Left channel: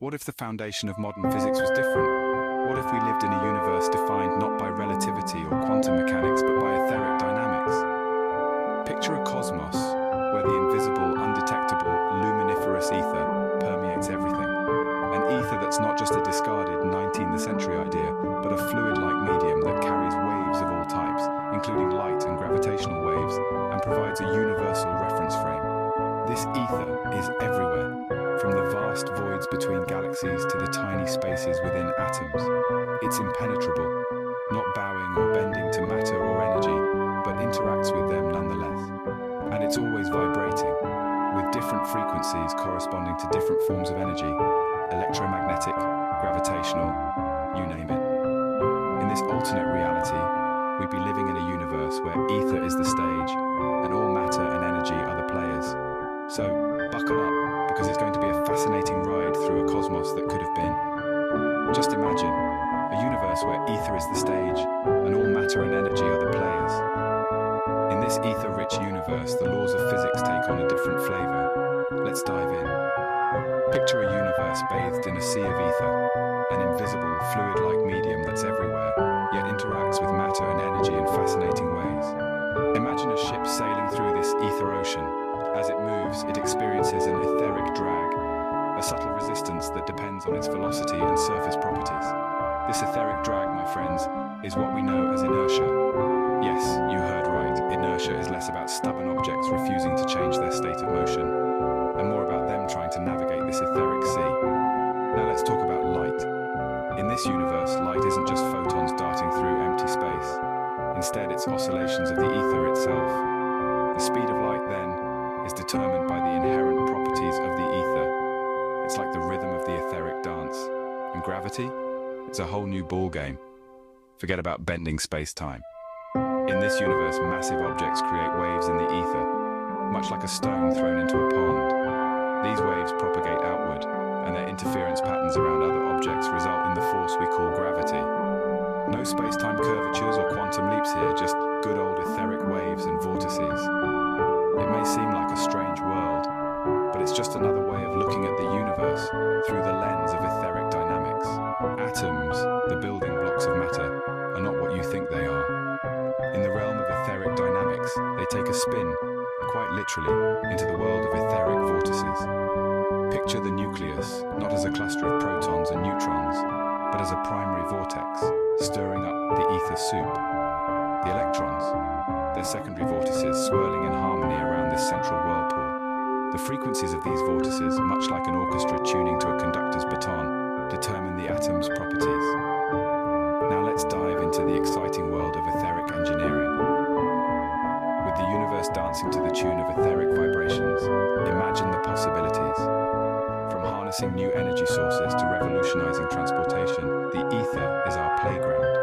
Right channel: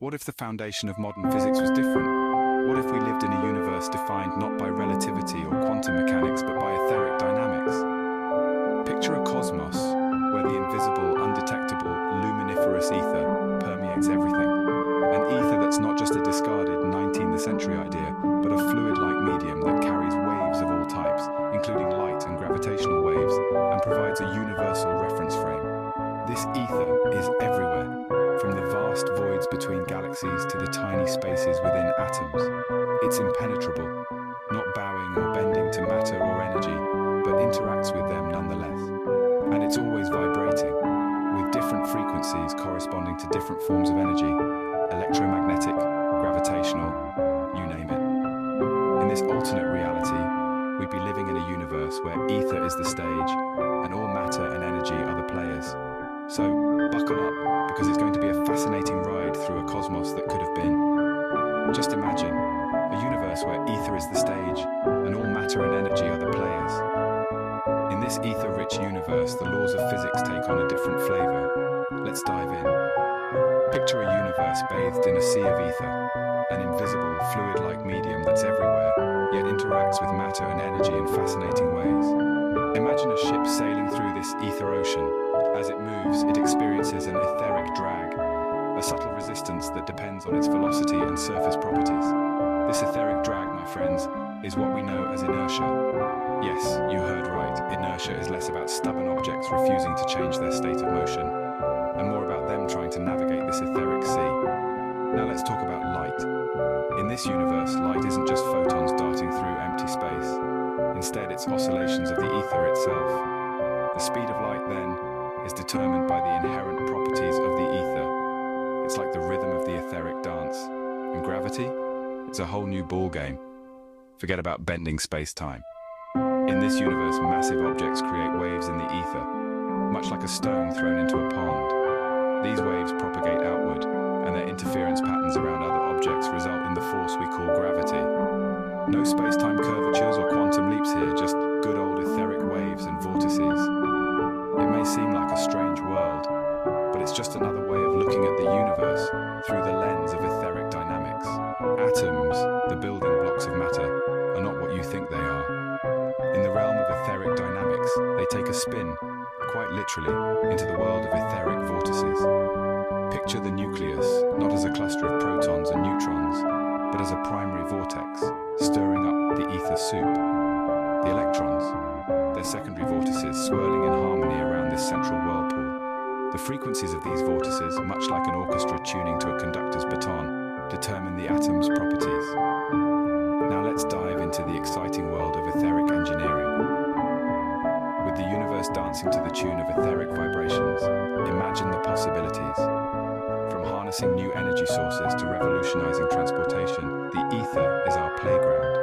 What if the foundation of modern physics was different? What if we lived in a universe defined not by relativity or quantum mechanics, but by etheric dynamics? Picture a cosmos where the invisible, undetectable, luminiferous ether permeates everything. An ether that's not just a discarded 19th century idea, but a fluid-like medium that carries waves of all types, including light and gravitational waves, and provides a universal reference frame. This ether is everywhere, from the vast voids between galaxies to the tiny spaces within atoms. It's impenetrable, not bowing or bending to matter or energy, but interacts with them nonetheless. And it's always vibrating, with different frequencies corresponding to different forms of energy, electromagnetic, gravitational, you name it. In this alternate reality, we'd be living in a universe where ether is the stage and all matter and energy are the players. So buckle up, because it's going to be a fascinating ride through a cosmos that could have been. Just imagine a universe where ether is the stage and all matter and energy are the players. In this ether-rich universe, the laws of physics take on a different flavor. Let's dive in. Picture a universe bathed in a sea of ether, an invisible, fluid-like medium that's everywhere, yet interacts with matter and energy in fascinating ways. Imagine a ship sailing through this ether ocean. As it moves, it experiences an etheric drag, a subtle resistance that depends on its velocity and surface properties. This etheric drag, my friends, is what we know as inertia. Yes, you heard right. Inertia is less about stubborn objects refusing to change their state of motion, and more about them trying to navigate this etheric sea. Now let's talk about light. In this universe, light isn't just photons darting through empty space. Instead, it's oscillations of the ether itself. The speed of light, then, is determined by the inherent properties of the ether. It's like the rhythm of the etheric dance. And gravity? It's a whole new ballgame. Forget about bending space-time. In this universe, massive objects create waves in the ether, much like a stone thrown into a pond. These waves propagate outward, and their interference patterns around other objects result in the force we call gravity. No space-time curvatures or quantum leaps here, just good old etheric waves and vortices. It may seem like a strange world, but it's just another way of looking at the universe through the lens of etheric dynamics. Atoms, the building blocks of matter, are not what you think they are. In the realm of etheric dynamics, they take a spin, quite literally, into the world of etheric vortices. Picture the nucleus, not as a cluster of protons and neutrons, but as a primary vortex, stirring up the ether soup. The electrons, their secondary vortices swirling in harmony around this central whirlpool. The frequencies of these vortices, much like an orchestra tuning to a conductor's baton, determine the atom's properties. Now let's dive into the exciting world of etheric engineering. With the universe dancing to the tune of etheric vibrations, imagine the possibilities. From harnessing new energy sources to revolutionizing transportation, the ether is our playground.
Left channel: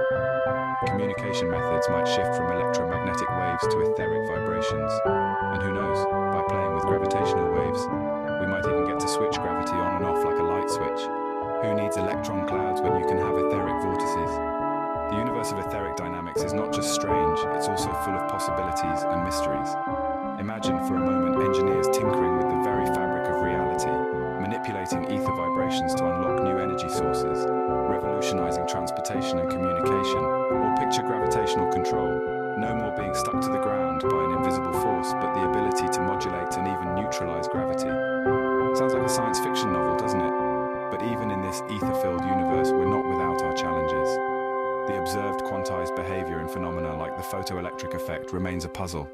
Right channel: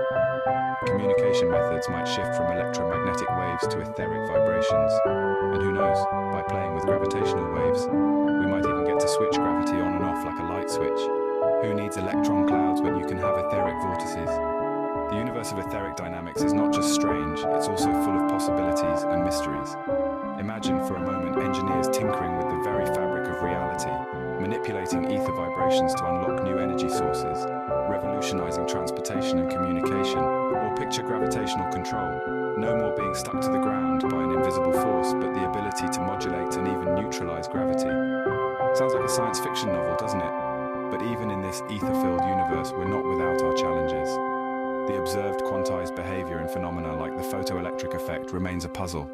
Communication methods might shift from electromagnetic waves to etheric vibrations. And who knows, by playing with gravitational waves, we might even get to switch gravity on and off like a light switch. Who needs electron clouds when you can have etheric vortices? The universe of etheric dynamics is not just strange, it's also full of possibilities and mysteries. Imagine for a moment engineers tinkering with the very fabric of reality, manipulating ether vibrations to unlock new energy sources, revolutionizing transportation and communication, or picture gravitational control, no more being stuck to the ground by an invisible force, but the ability to modulate and even neutralize gravity. Sounds like a science fiction novel, doesn't it? But even in this ether-filled universe, we're not without our challenges. The observed quantized behavior in phenomena like the photoelectric effect remains a puzzle.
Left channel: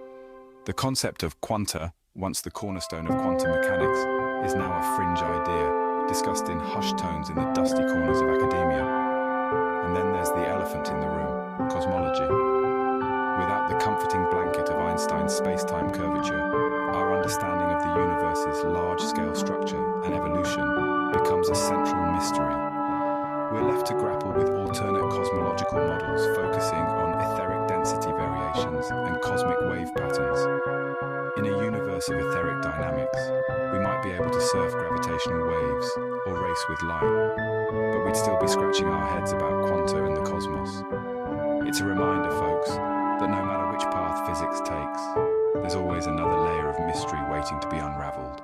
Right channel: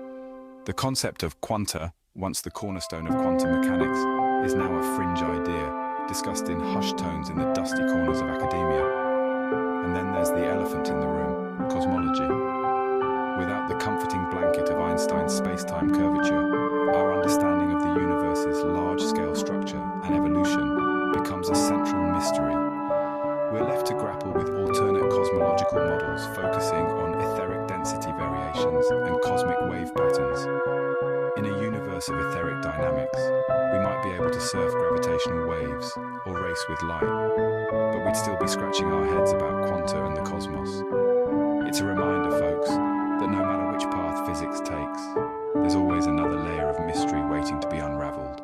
The concept of quanta, once the cornerstone of quantum mechanics, is now a fringe idea, discussed in hushed tones in the dusty corners of academia. And then there's the elephant in the room, cosmology. Without the comforting blanket of Einstein's space-time curvature, our understanding of the universe's large-scale structure and evolution becomes a central mystery. We're left to grapple with alternate cosmological models focusing on etheric density variations and cosmic wave patterns. In a universe of etheric dynamics, we might be able to surf gravitational waves or race with light, but we'd still be scratching our heads about quanta and the cosmos. It's a reminder, folks, that no matter which path physics takes, there's always another layer of mystery waiting to be unraveled.